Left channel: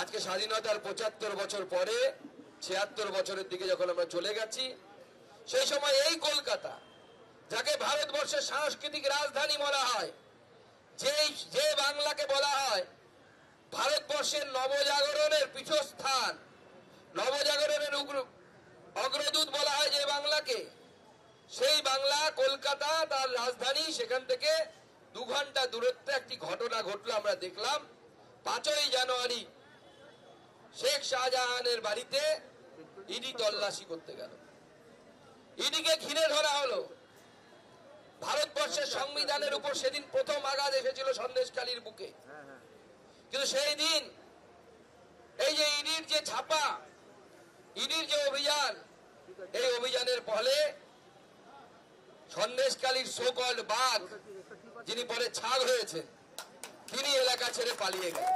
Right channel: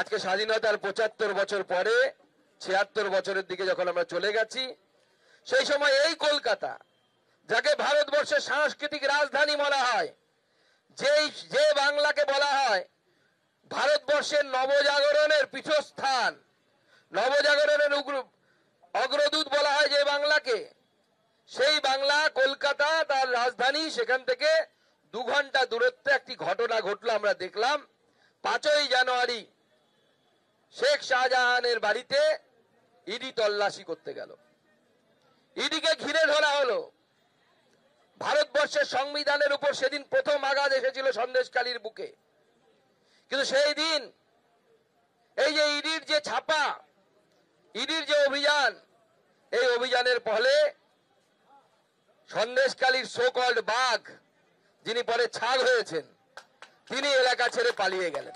আজকে স্বাধীনতার ৭৫ বছর পরে ৭৬ বছরের দিকে যখন আমরা চলে গেছি, সেই সময় এই কলকাতা, যাকে ভারতবর্ষের সাংস্কৃতিক রাজধানী বলা হয়, যে বাংলাকে বলা হয় ভারতবর্ষের নবজাগরণের পীঠস্থান, নবজাগরণের অগ্রদূত বলা হয় যে বাংলাকে, সেই বাংলা কলকাতা তার রাজধানী, সেখান থেকে 2 ঘন্টা দূরত্বে একটি ঘটনা ঘটলো। আমরা দেখলাম 5ই জানুয়ারি শেখ শাহজাহানের বাড়িতে ইডি তল্লাশি করতে গেল, ইডিকে ঘিরে ধরা হলো। ভারতবর্ষের সংবিধানের উপর সেদিন প্রথম আঘাত এসেছিল সন্দেশখালীর বুকে, কিন্তু সেই দিন এই যে ইডির যে ছাপা, ইডির যে অভিযান, এই অভিযানের ফলে সন্দেশখালীর সো কল্ড বাঘ, যিনি পরে ছাগ হয়েছেন, তিনি এলাকা ছেড়ে পালিয়ে গেলেন।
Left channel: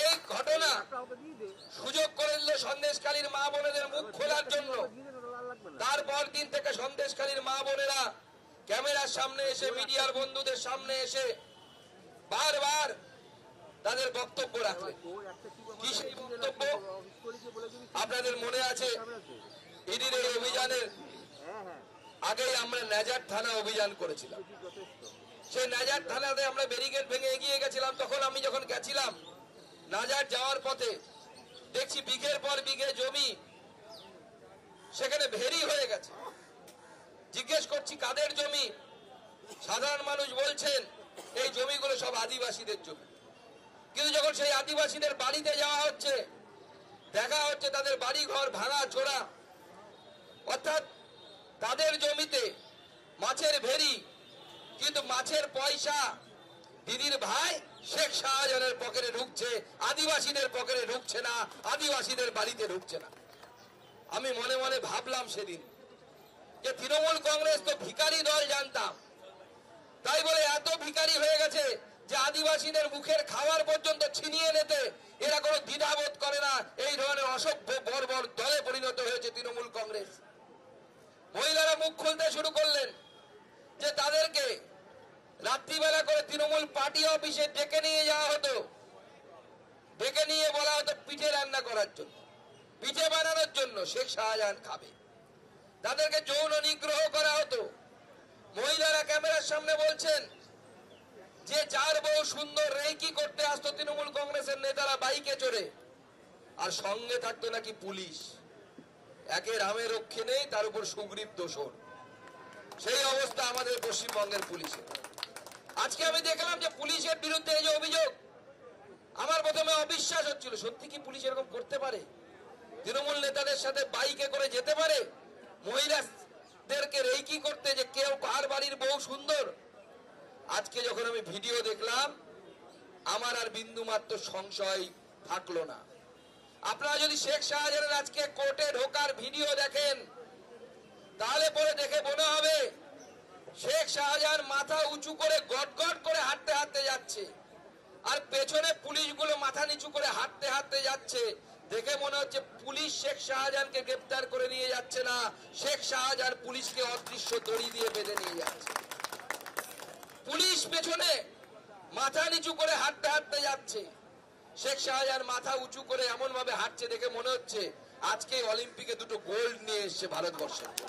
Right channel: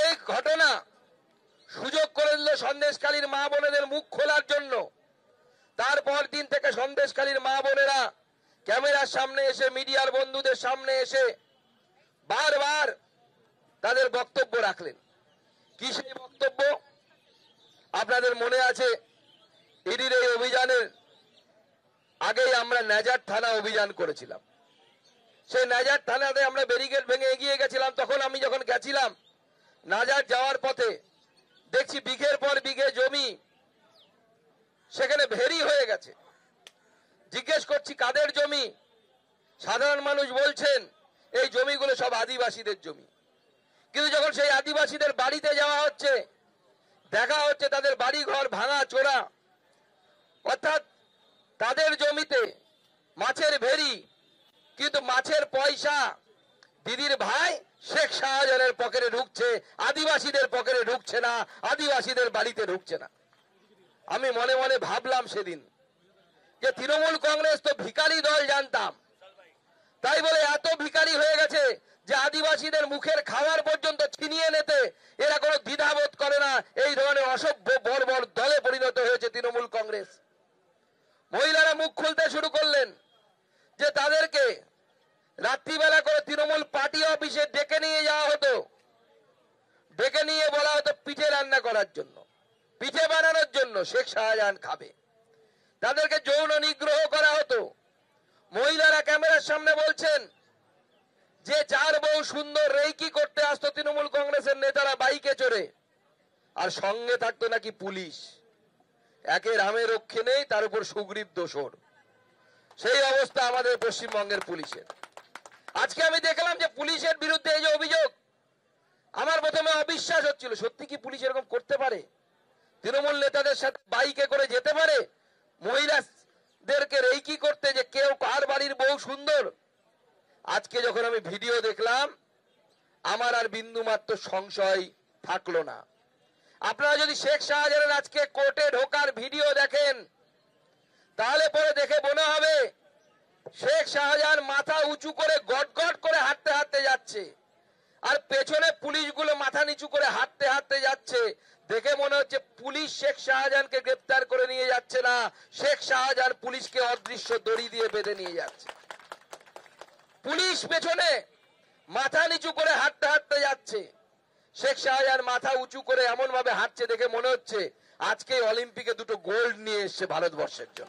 এই ঘটনা সুযোগ করে দিল সন্দেশখালীর মা বোনেদের মুখ খোলার জন্য। তারপর দিন থেকে সন্দেশখালীর মা বোনেরা ক্যামেরার সামনে এসে, মিডিয়ার বন্ধুদের সামনে এসে বারবার তাদের বক্তব্য রাখলেন। কি সেই বক্তব্য? আপনাদের মনে আছে, ইডির এই অভিযানের আগেই আমরা নেজার থানা অভিযান করেছিলাম। সেই নেজার থানাতে আমরা ব্যারিকেড ভেঙে এগিয়ে গেছিলাম। তখন আমি যখন গেছিলাম, নাজার যাওয়ার পথে দেখছি বিঘের পর বিঘে জমি সেখানে ভেরি হয়ে গেছে। জিজ্ঞেস করছি কাদের জমি? সাধারণ মানুষ বলছেন এই জমিগুলো সব আদিবাসীদের জমি। কিন্তু যখন সেই আদিবাসীদের বাড়িতে যাওয়া হচ্ছে, দেখা হচ্ছে তাদের বাড়ি ঘর ভাঙা চোরা, অর্থাৎ তাদের জমিতে মাছের ভেরি, কিন্তু মাছের পয়সা দিদির ভাই শেখ শাহজাহানের পকেটে ঢুকছে, আদিবাসীদের পকেটে ঢুকছে না, আদিবাসীদের বাড়িতে ঢুকছে না। আমি মনে মনে ভাবলাম সেদিন যে তৃণমূল কংগ্রেস তো ভিখারি দল জানতাম, তাই বলে এত ভিখারি হয়ে গেছে যে আদিবাসীদের মুখের খাবার পর্যন্ত ছিনিয়ে নিতে এরা কোনো দ্বিধাবোধ করে না। এই ধরনের অসভ্য বর্বর দলে পরিণত হয়েছে তৃণমূল কংগ্রেস। মহিলারা মুখ খুলতে শুরু করলেন যে তাদেরকে রাত্রিবেলা করে তৃণমূল পার্টি অফিসে ডেকে নিয়ে যাওয়া হতো, ডেকে নিয়ে বলা হতো পিঠে রান্না করার জন্য, পিঠে বানানোর জন্য, শেখ শাহজাহান খাবে। তাদেরকে যৌন নিগ্রহ করা হতো। মহিলারা ক্যামেরার সামনে বলছেন যে যার বউ সুন্দর রেইকি করতে আসতো তৃণমূল কংগ্রেসের নেতারা বাইকে চড়ে, আর সঙ্গে থাকতো নাকি পুলিশ। একে রামে রক্ষে নেই, তার উপর সুগ্রীব দোসর। সেই অবস্থা আমাদের পশ্চিমবঙ্গের পুলিশের। আজকে আমি দেখলাম যে পুলিশের বিরুদ্ধে এই যে অভিযোগ, আমার প্রথমে অবিশ্বাস হচ্ছিল, সত্যি কি পুলিশ এরকম করতে পারে? তৃণমূল নেতাদের সাথে বাইকে করে যেতে পারে মহিলাদেরকে রেইকি করতে, যে কেউ কার বাড়ির বউ সুন্দর? আজকে যখন আমি ভিডিও দেখলাম, আমার আর বিন্দু মাত্র সংশয় থাকলো না। আপনারা যদি শেখ শাহজাহানের আজকে কোর্টে ঢোকার ভিডিও দেখেন, তাহলে পরে দেখে মনে হবে শেখ শাহজাহান মাথা উঁচু করে গটগট করে হাঁটতে হাঁটতে যাচ্ছে, আর পেছনে পুলিশগুলো মাথা নিচু করে হাঁটতে হাঁটতে যাচ্ছে। দেখে মনে হচ্ছে পুলিশ শেখ শাহজাহানকে গ্রেফতার করে নিয়ে যাচ্ছে না, শেখ শাহজাহান পুলিশকে অদৃশ্য দড়ি দিয়ে বেঁধে নিয়ে যাচ্ছে। পুলিশ পেছনে মাথা নিচু করে হাঁটতে হাঁটতে যাচ্ছে, শেখ শাহজাহান মাথা উঁচু করে এমন ভাবে হাঁটছে, দেখে মনে হচ্ছে আজকে অলিম্পিকে 2টো গোল্ড নিয়ে এসছে ভারতবর্ষের জন্য।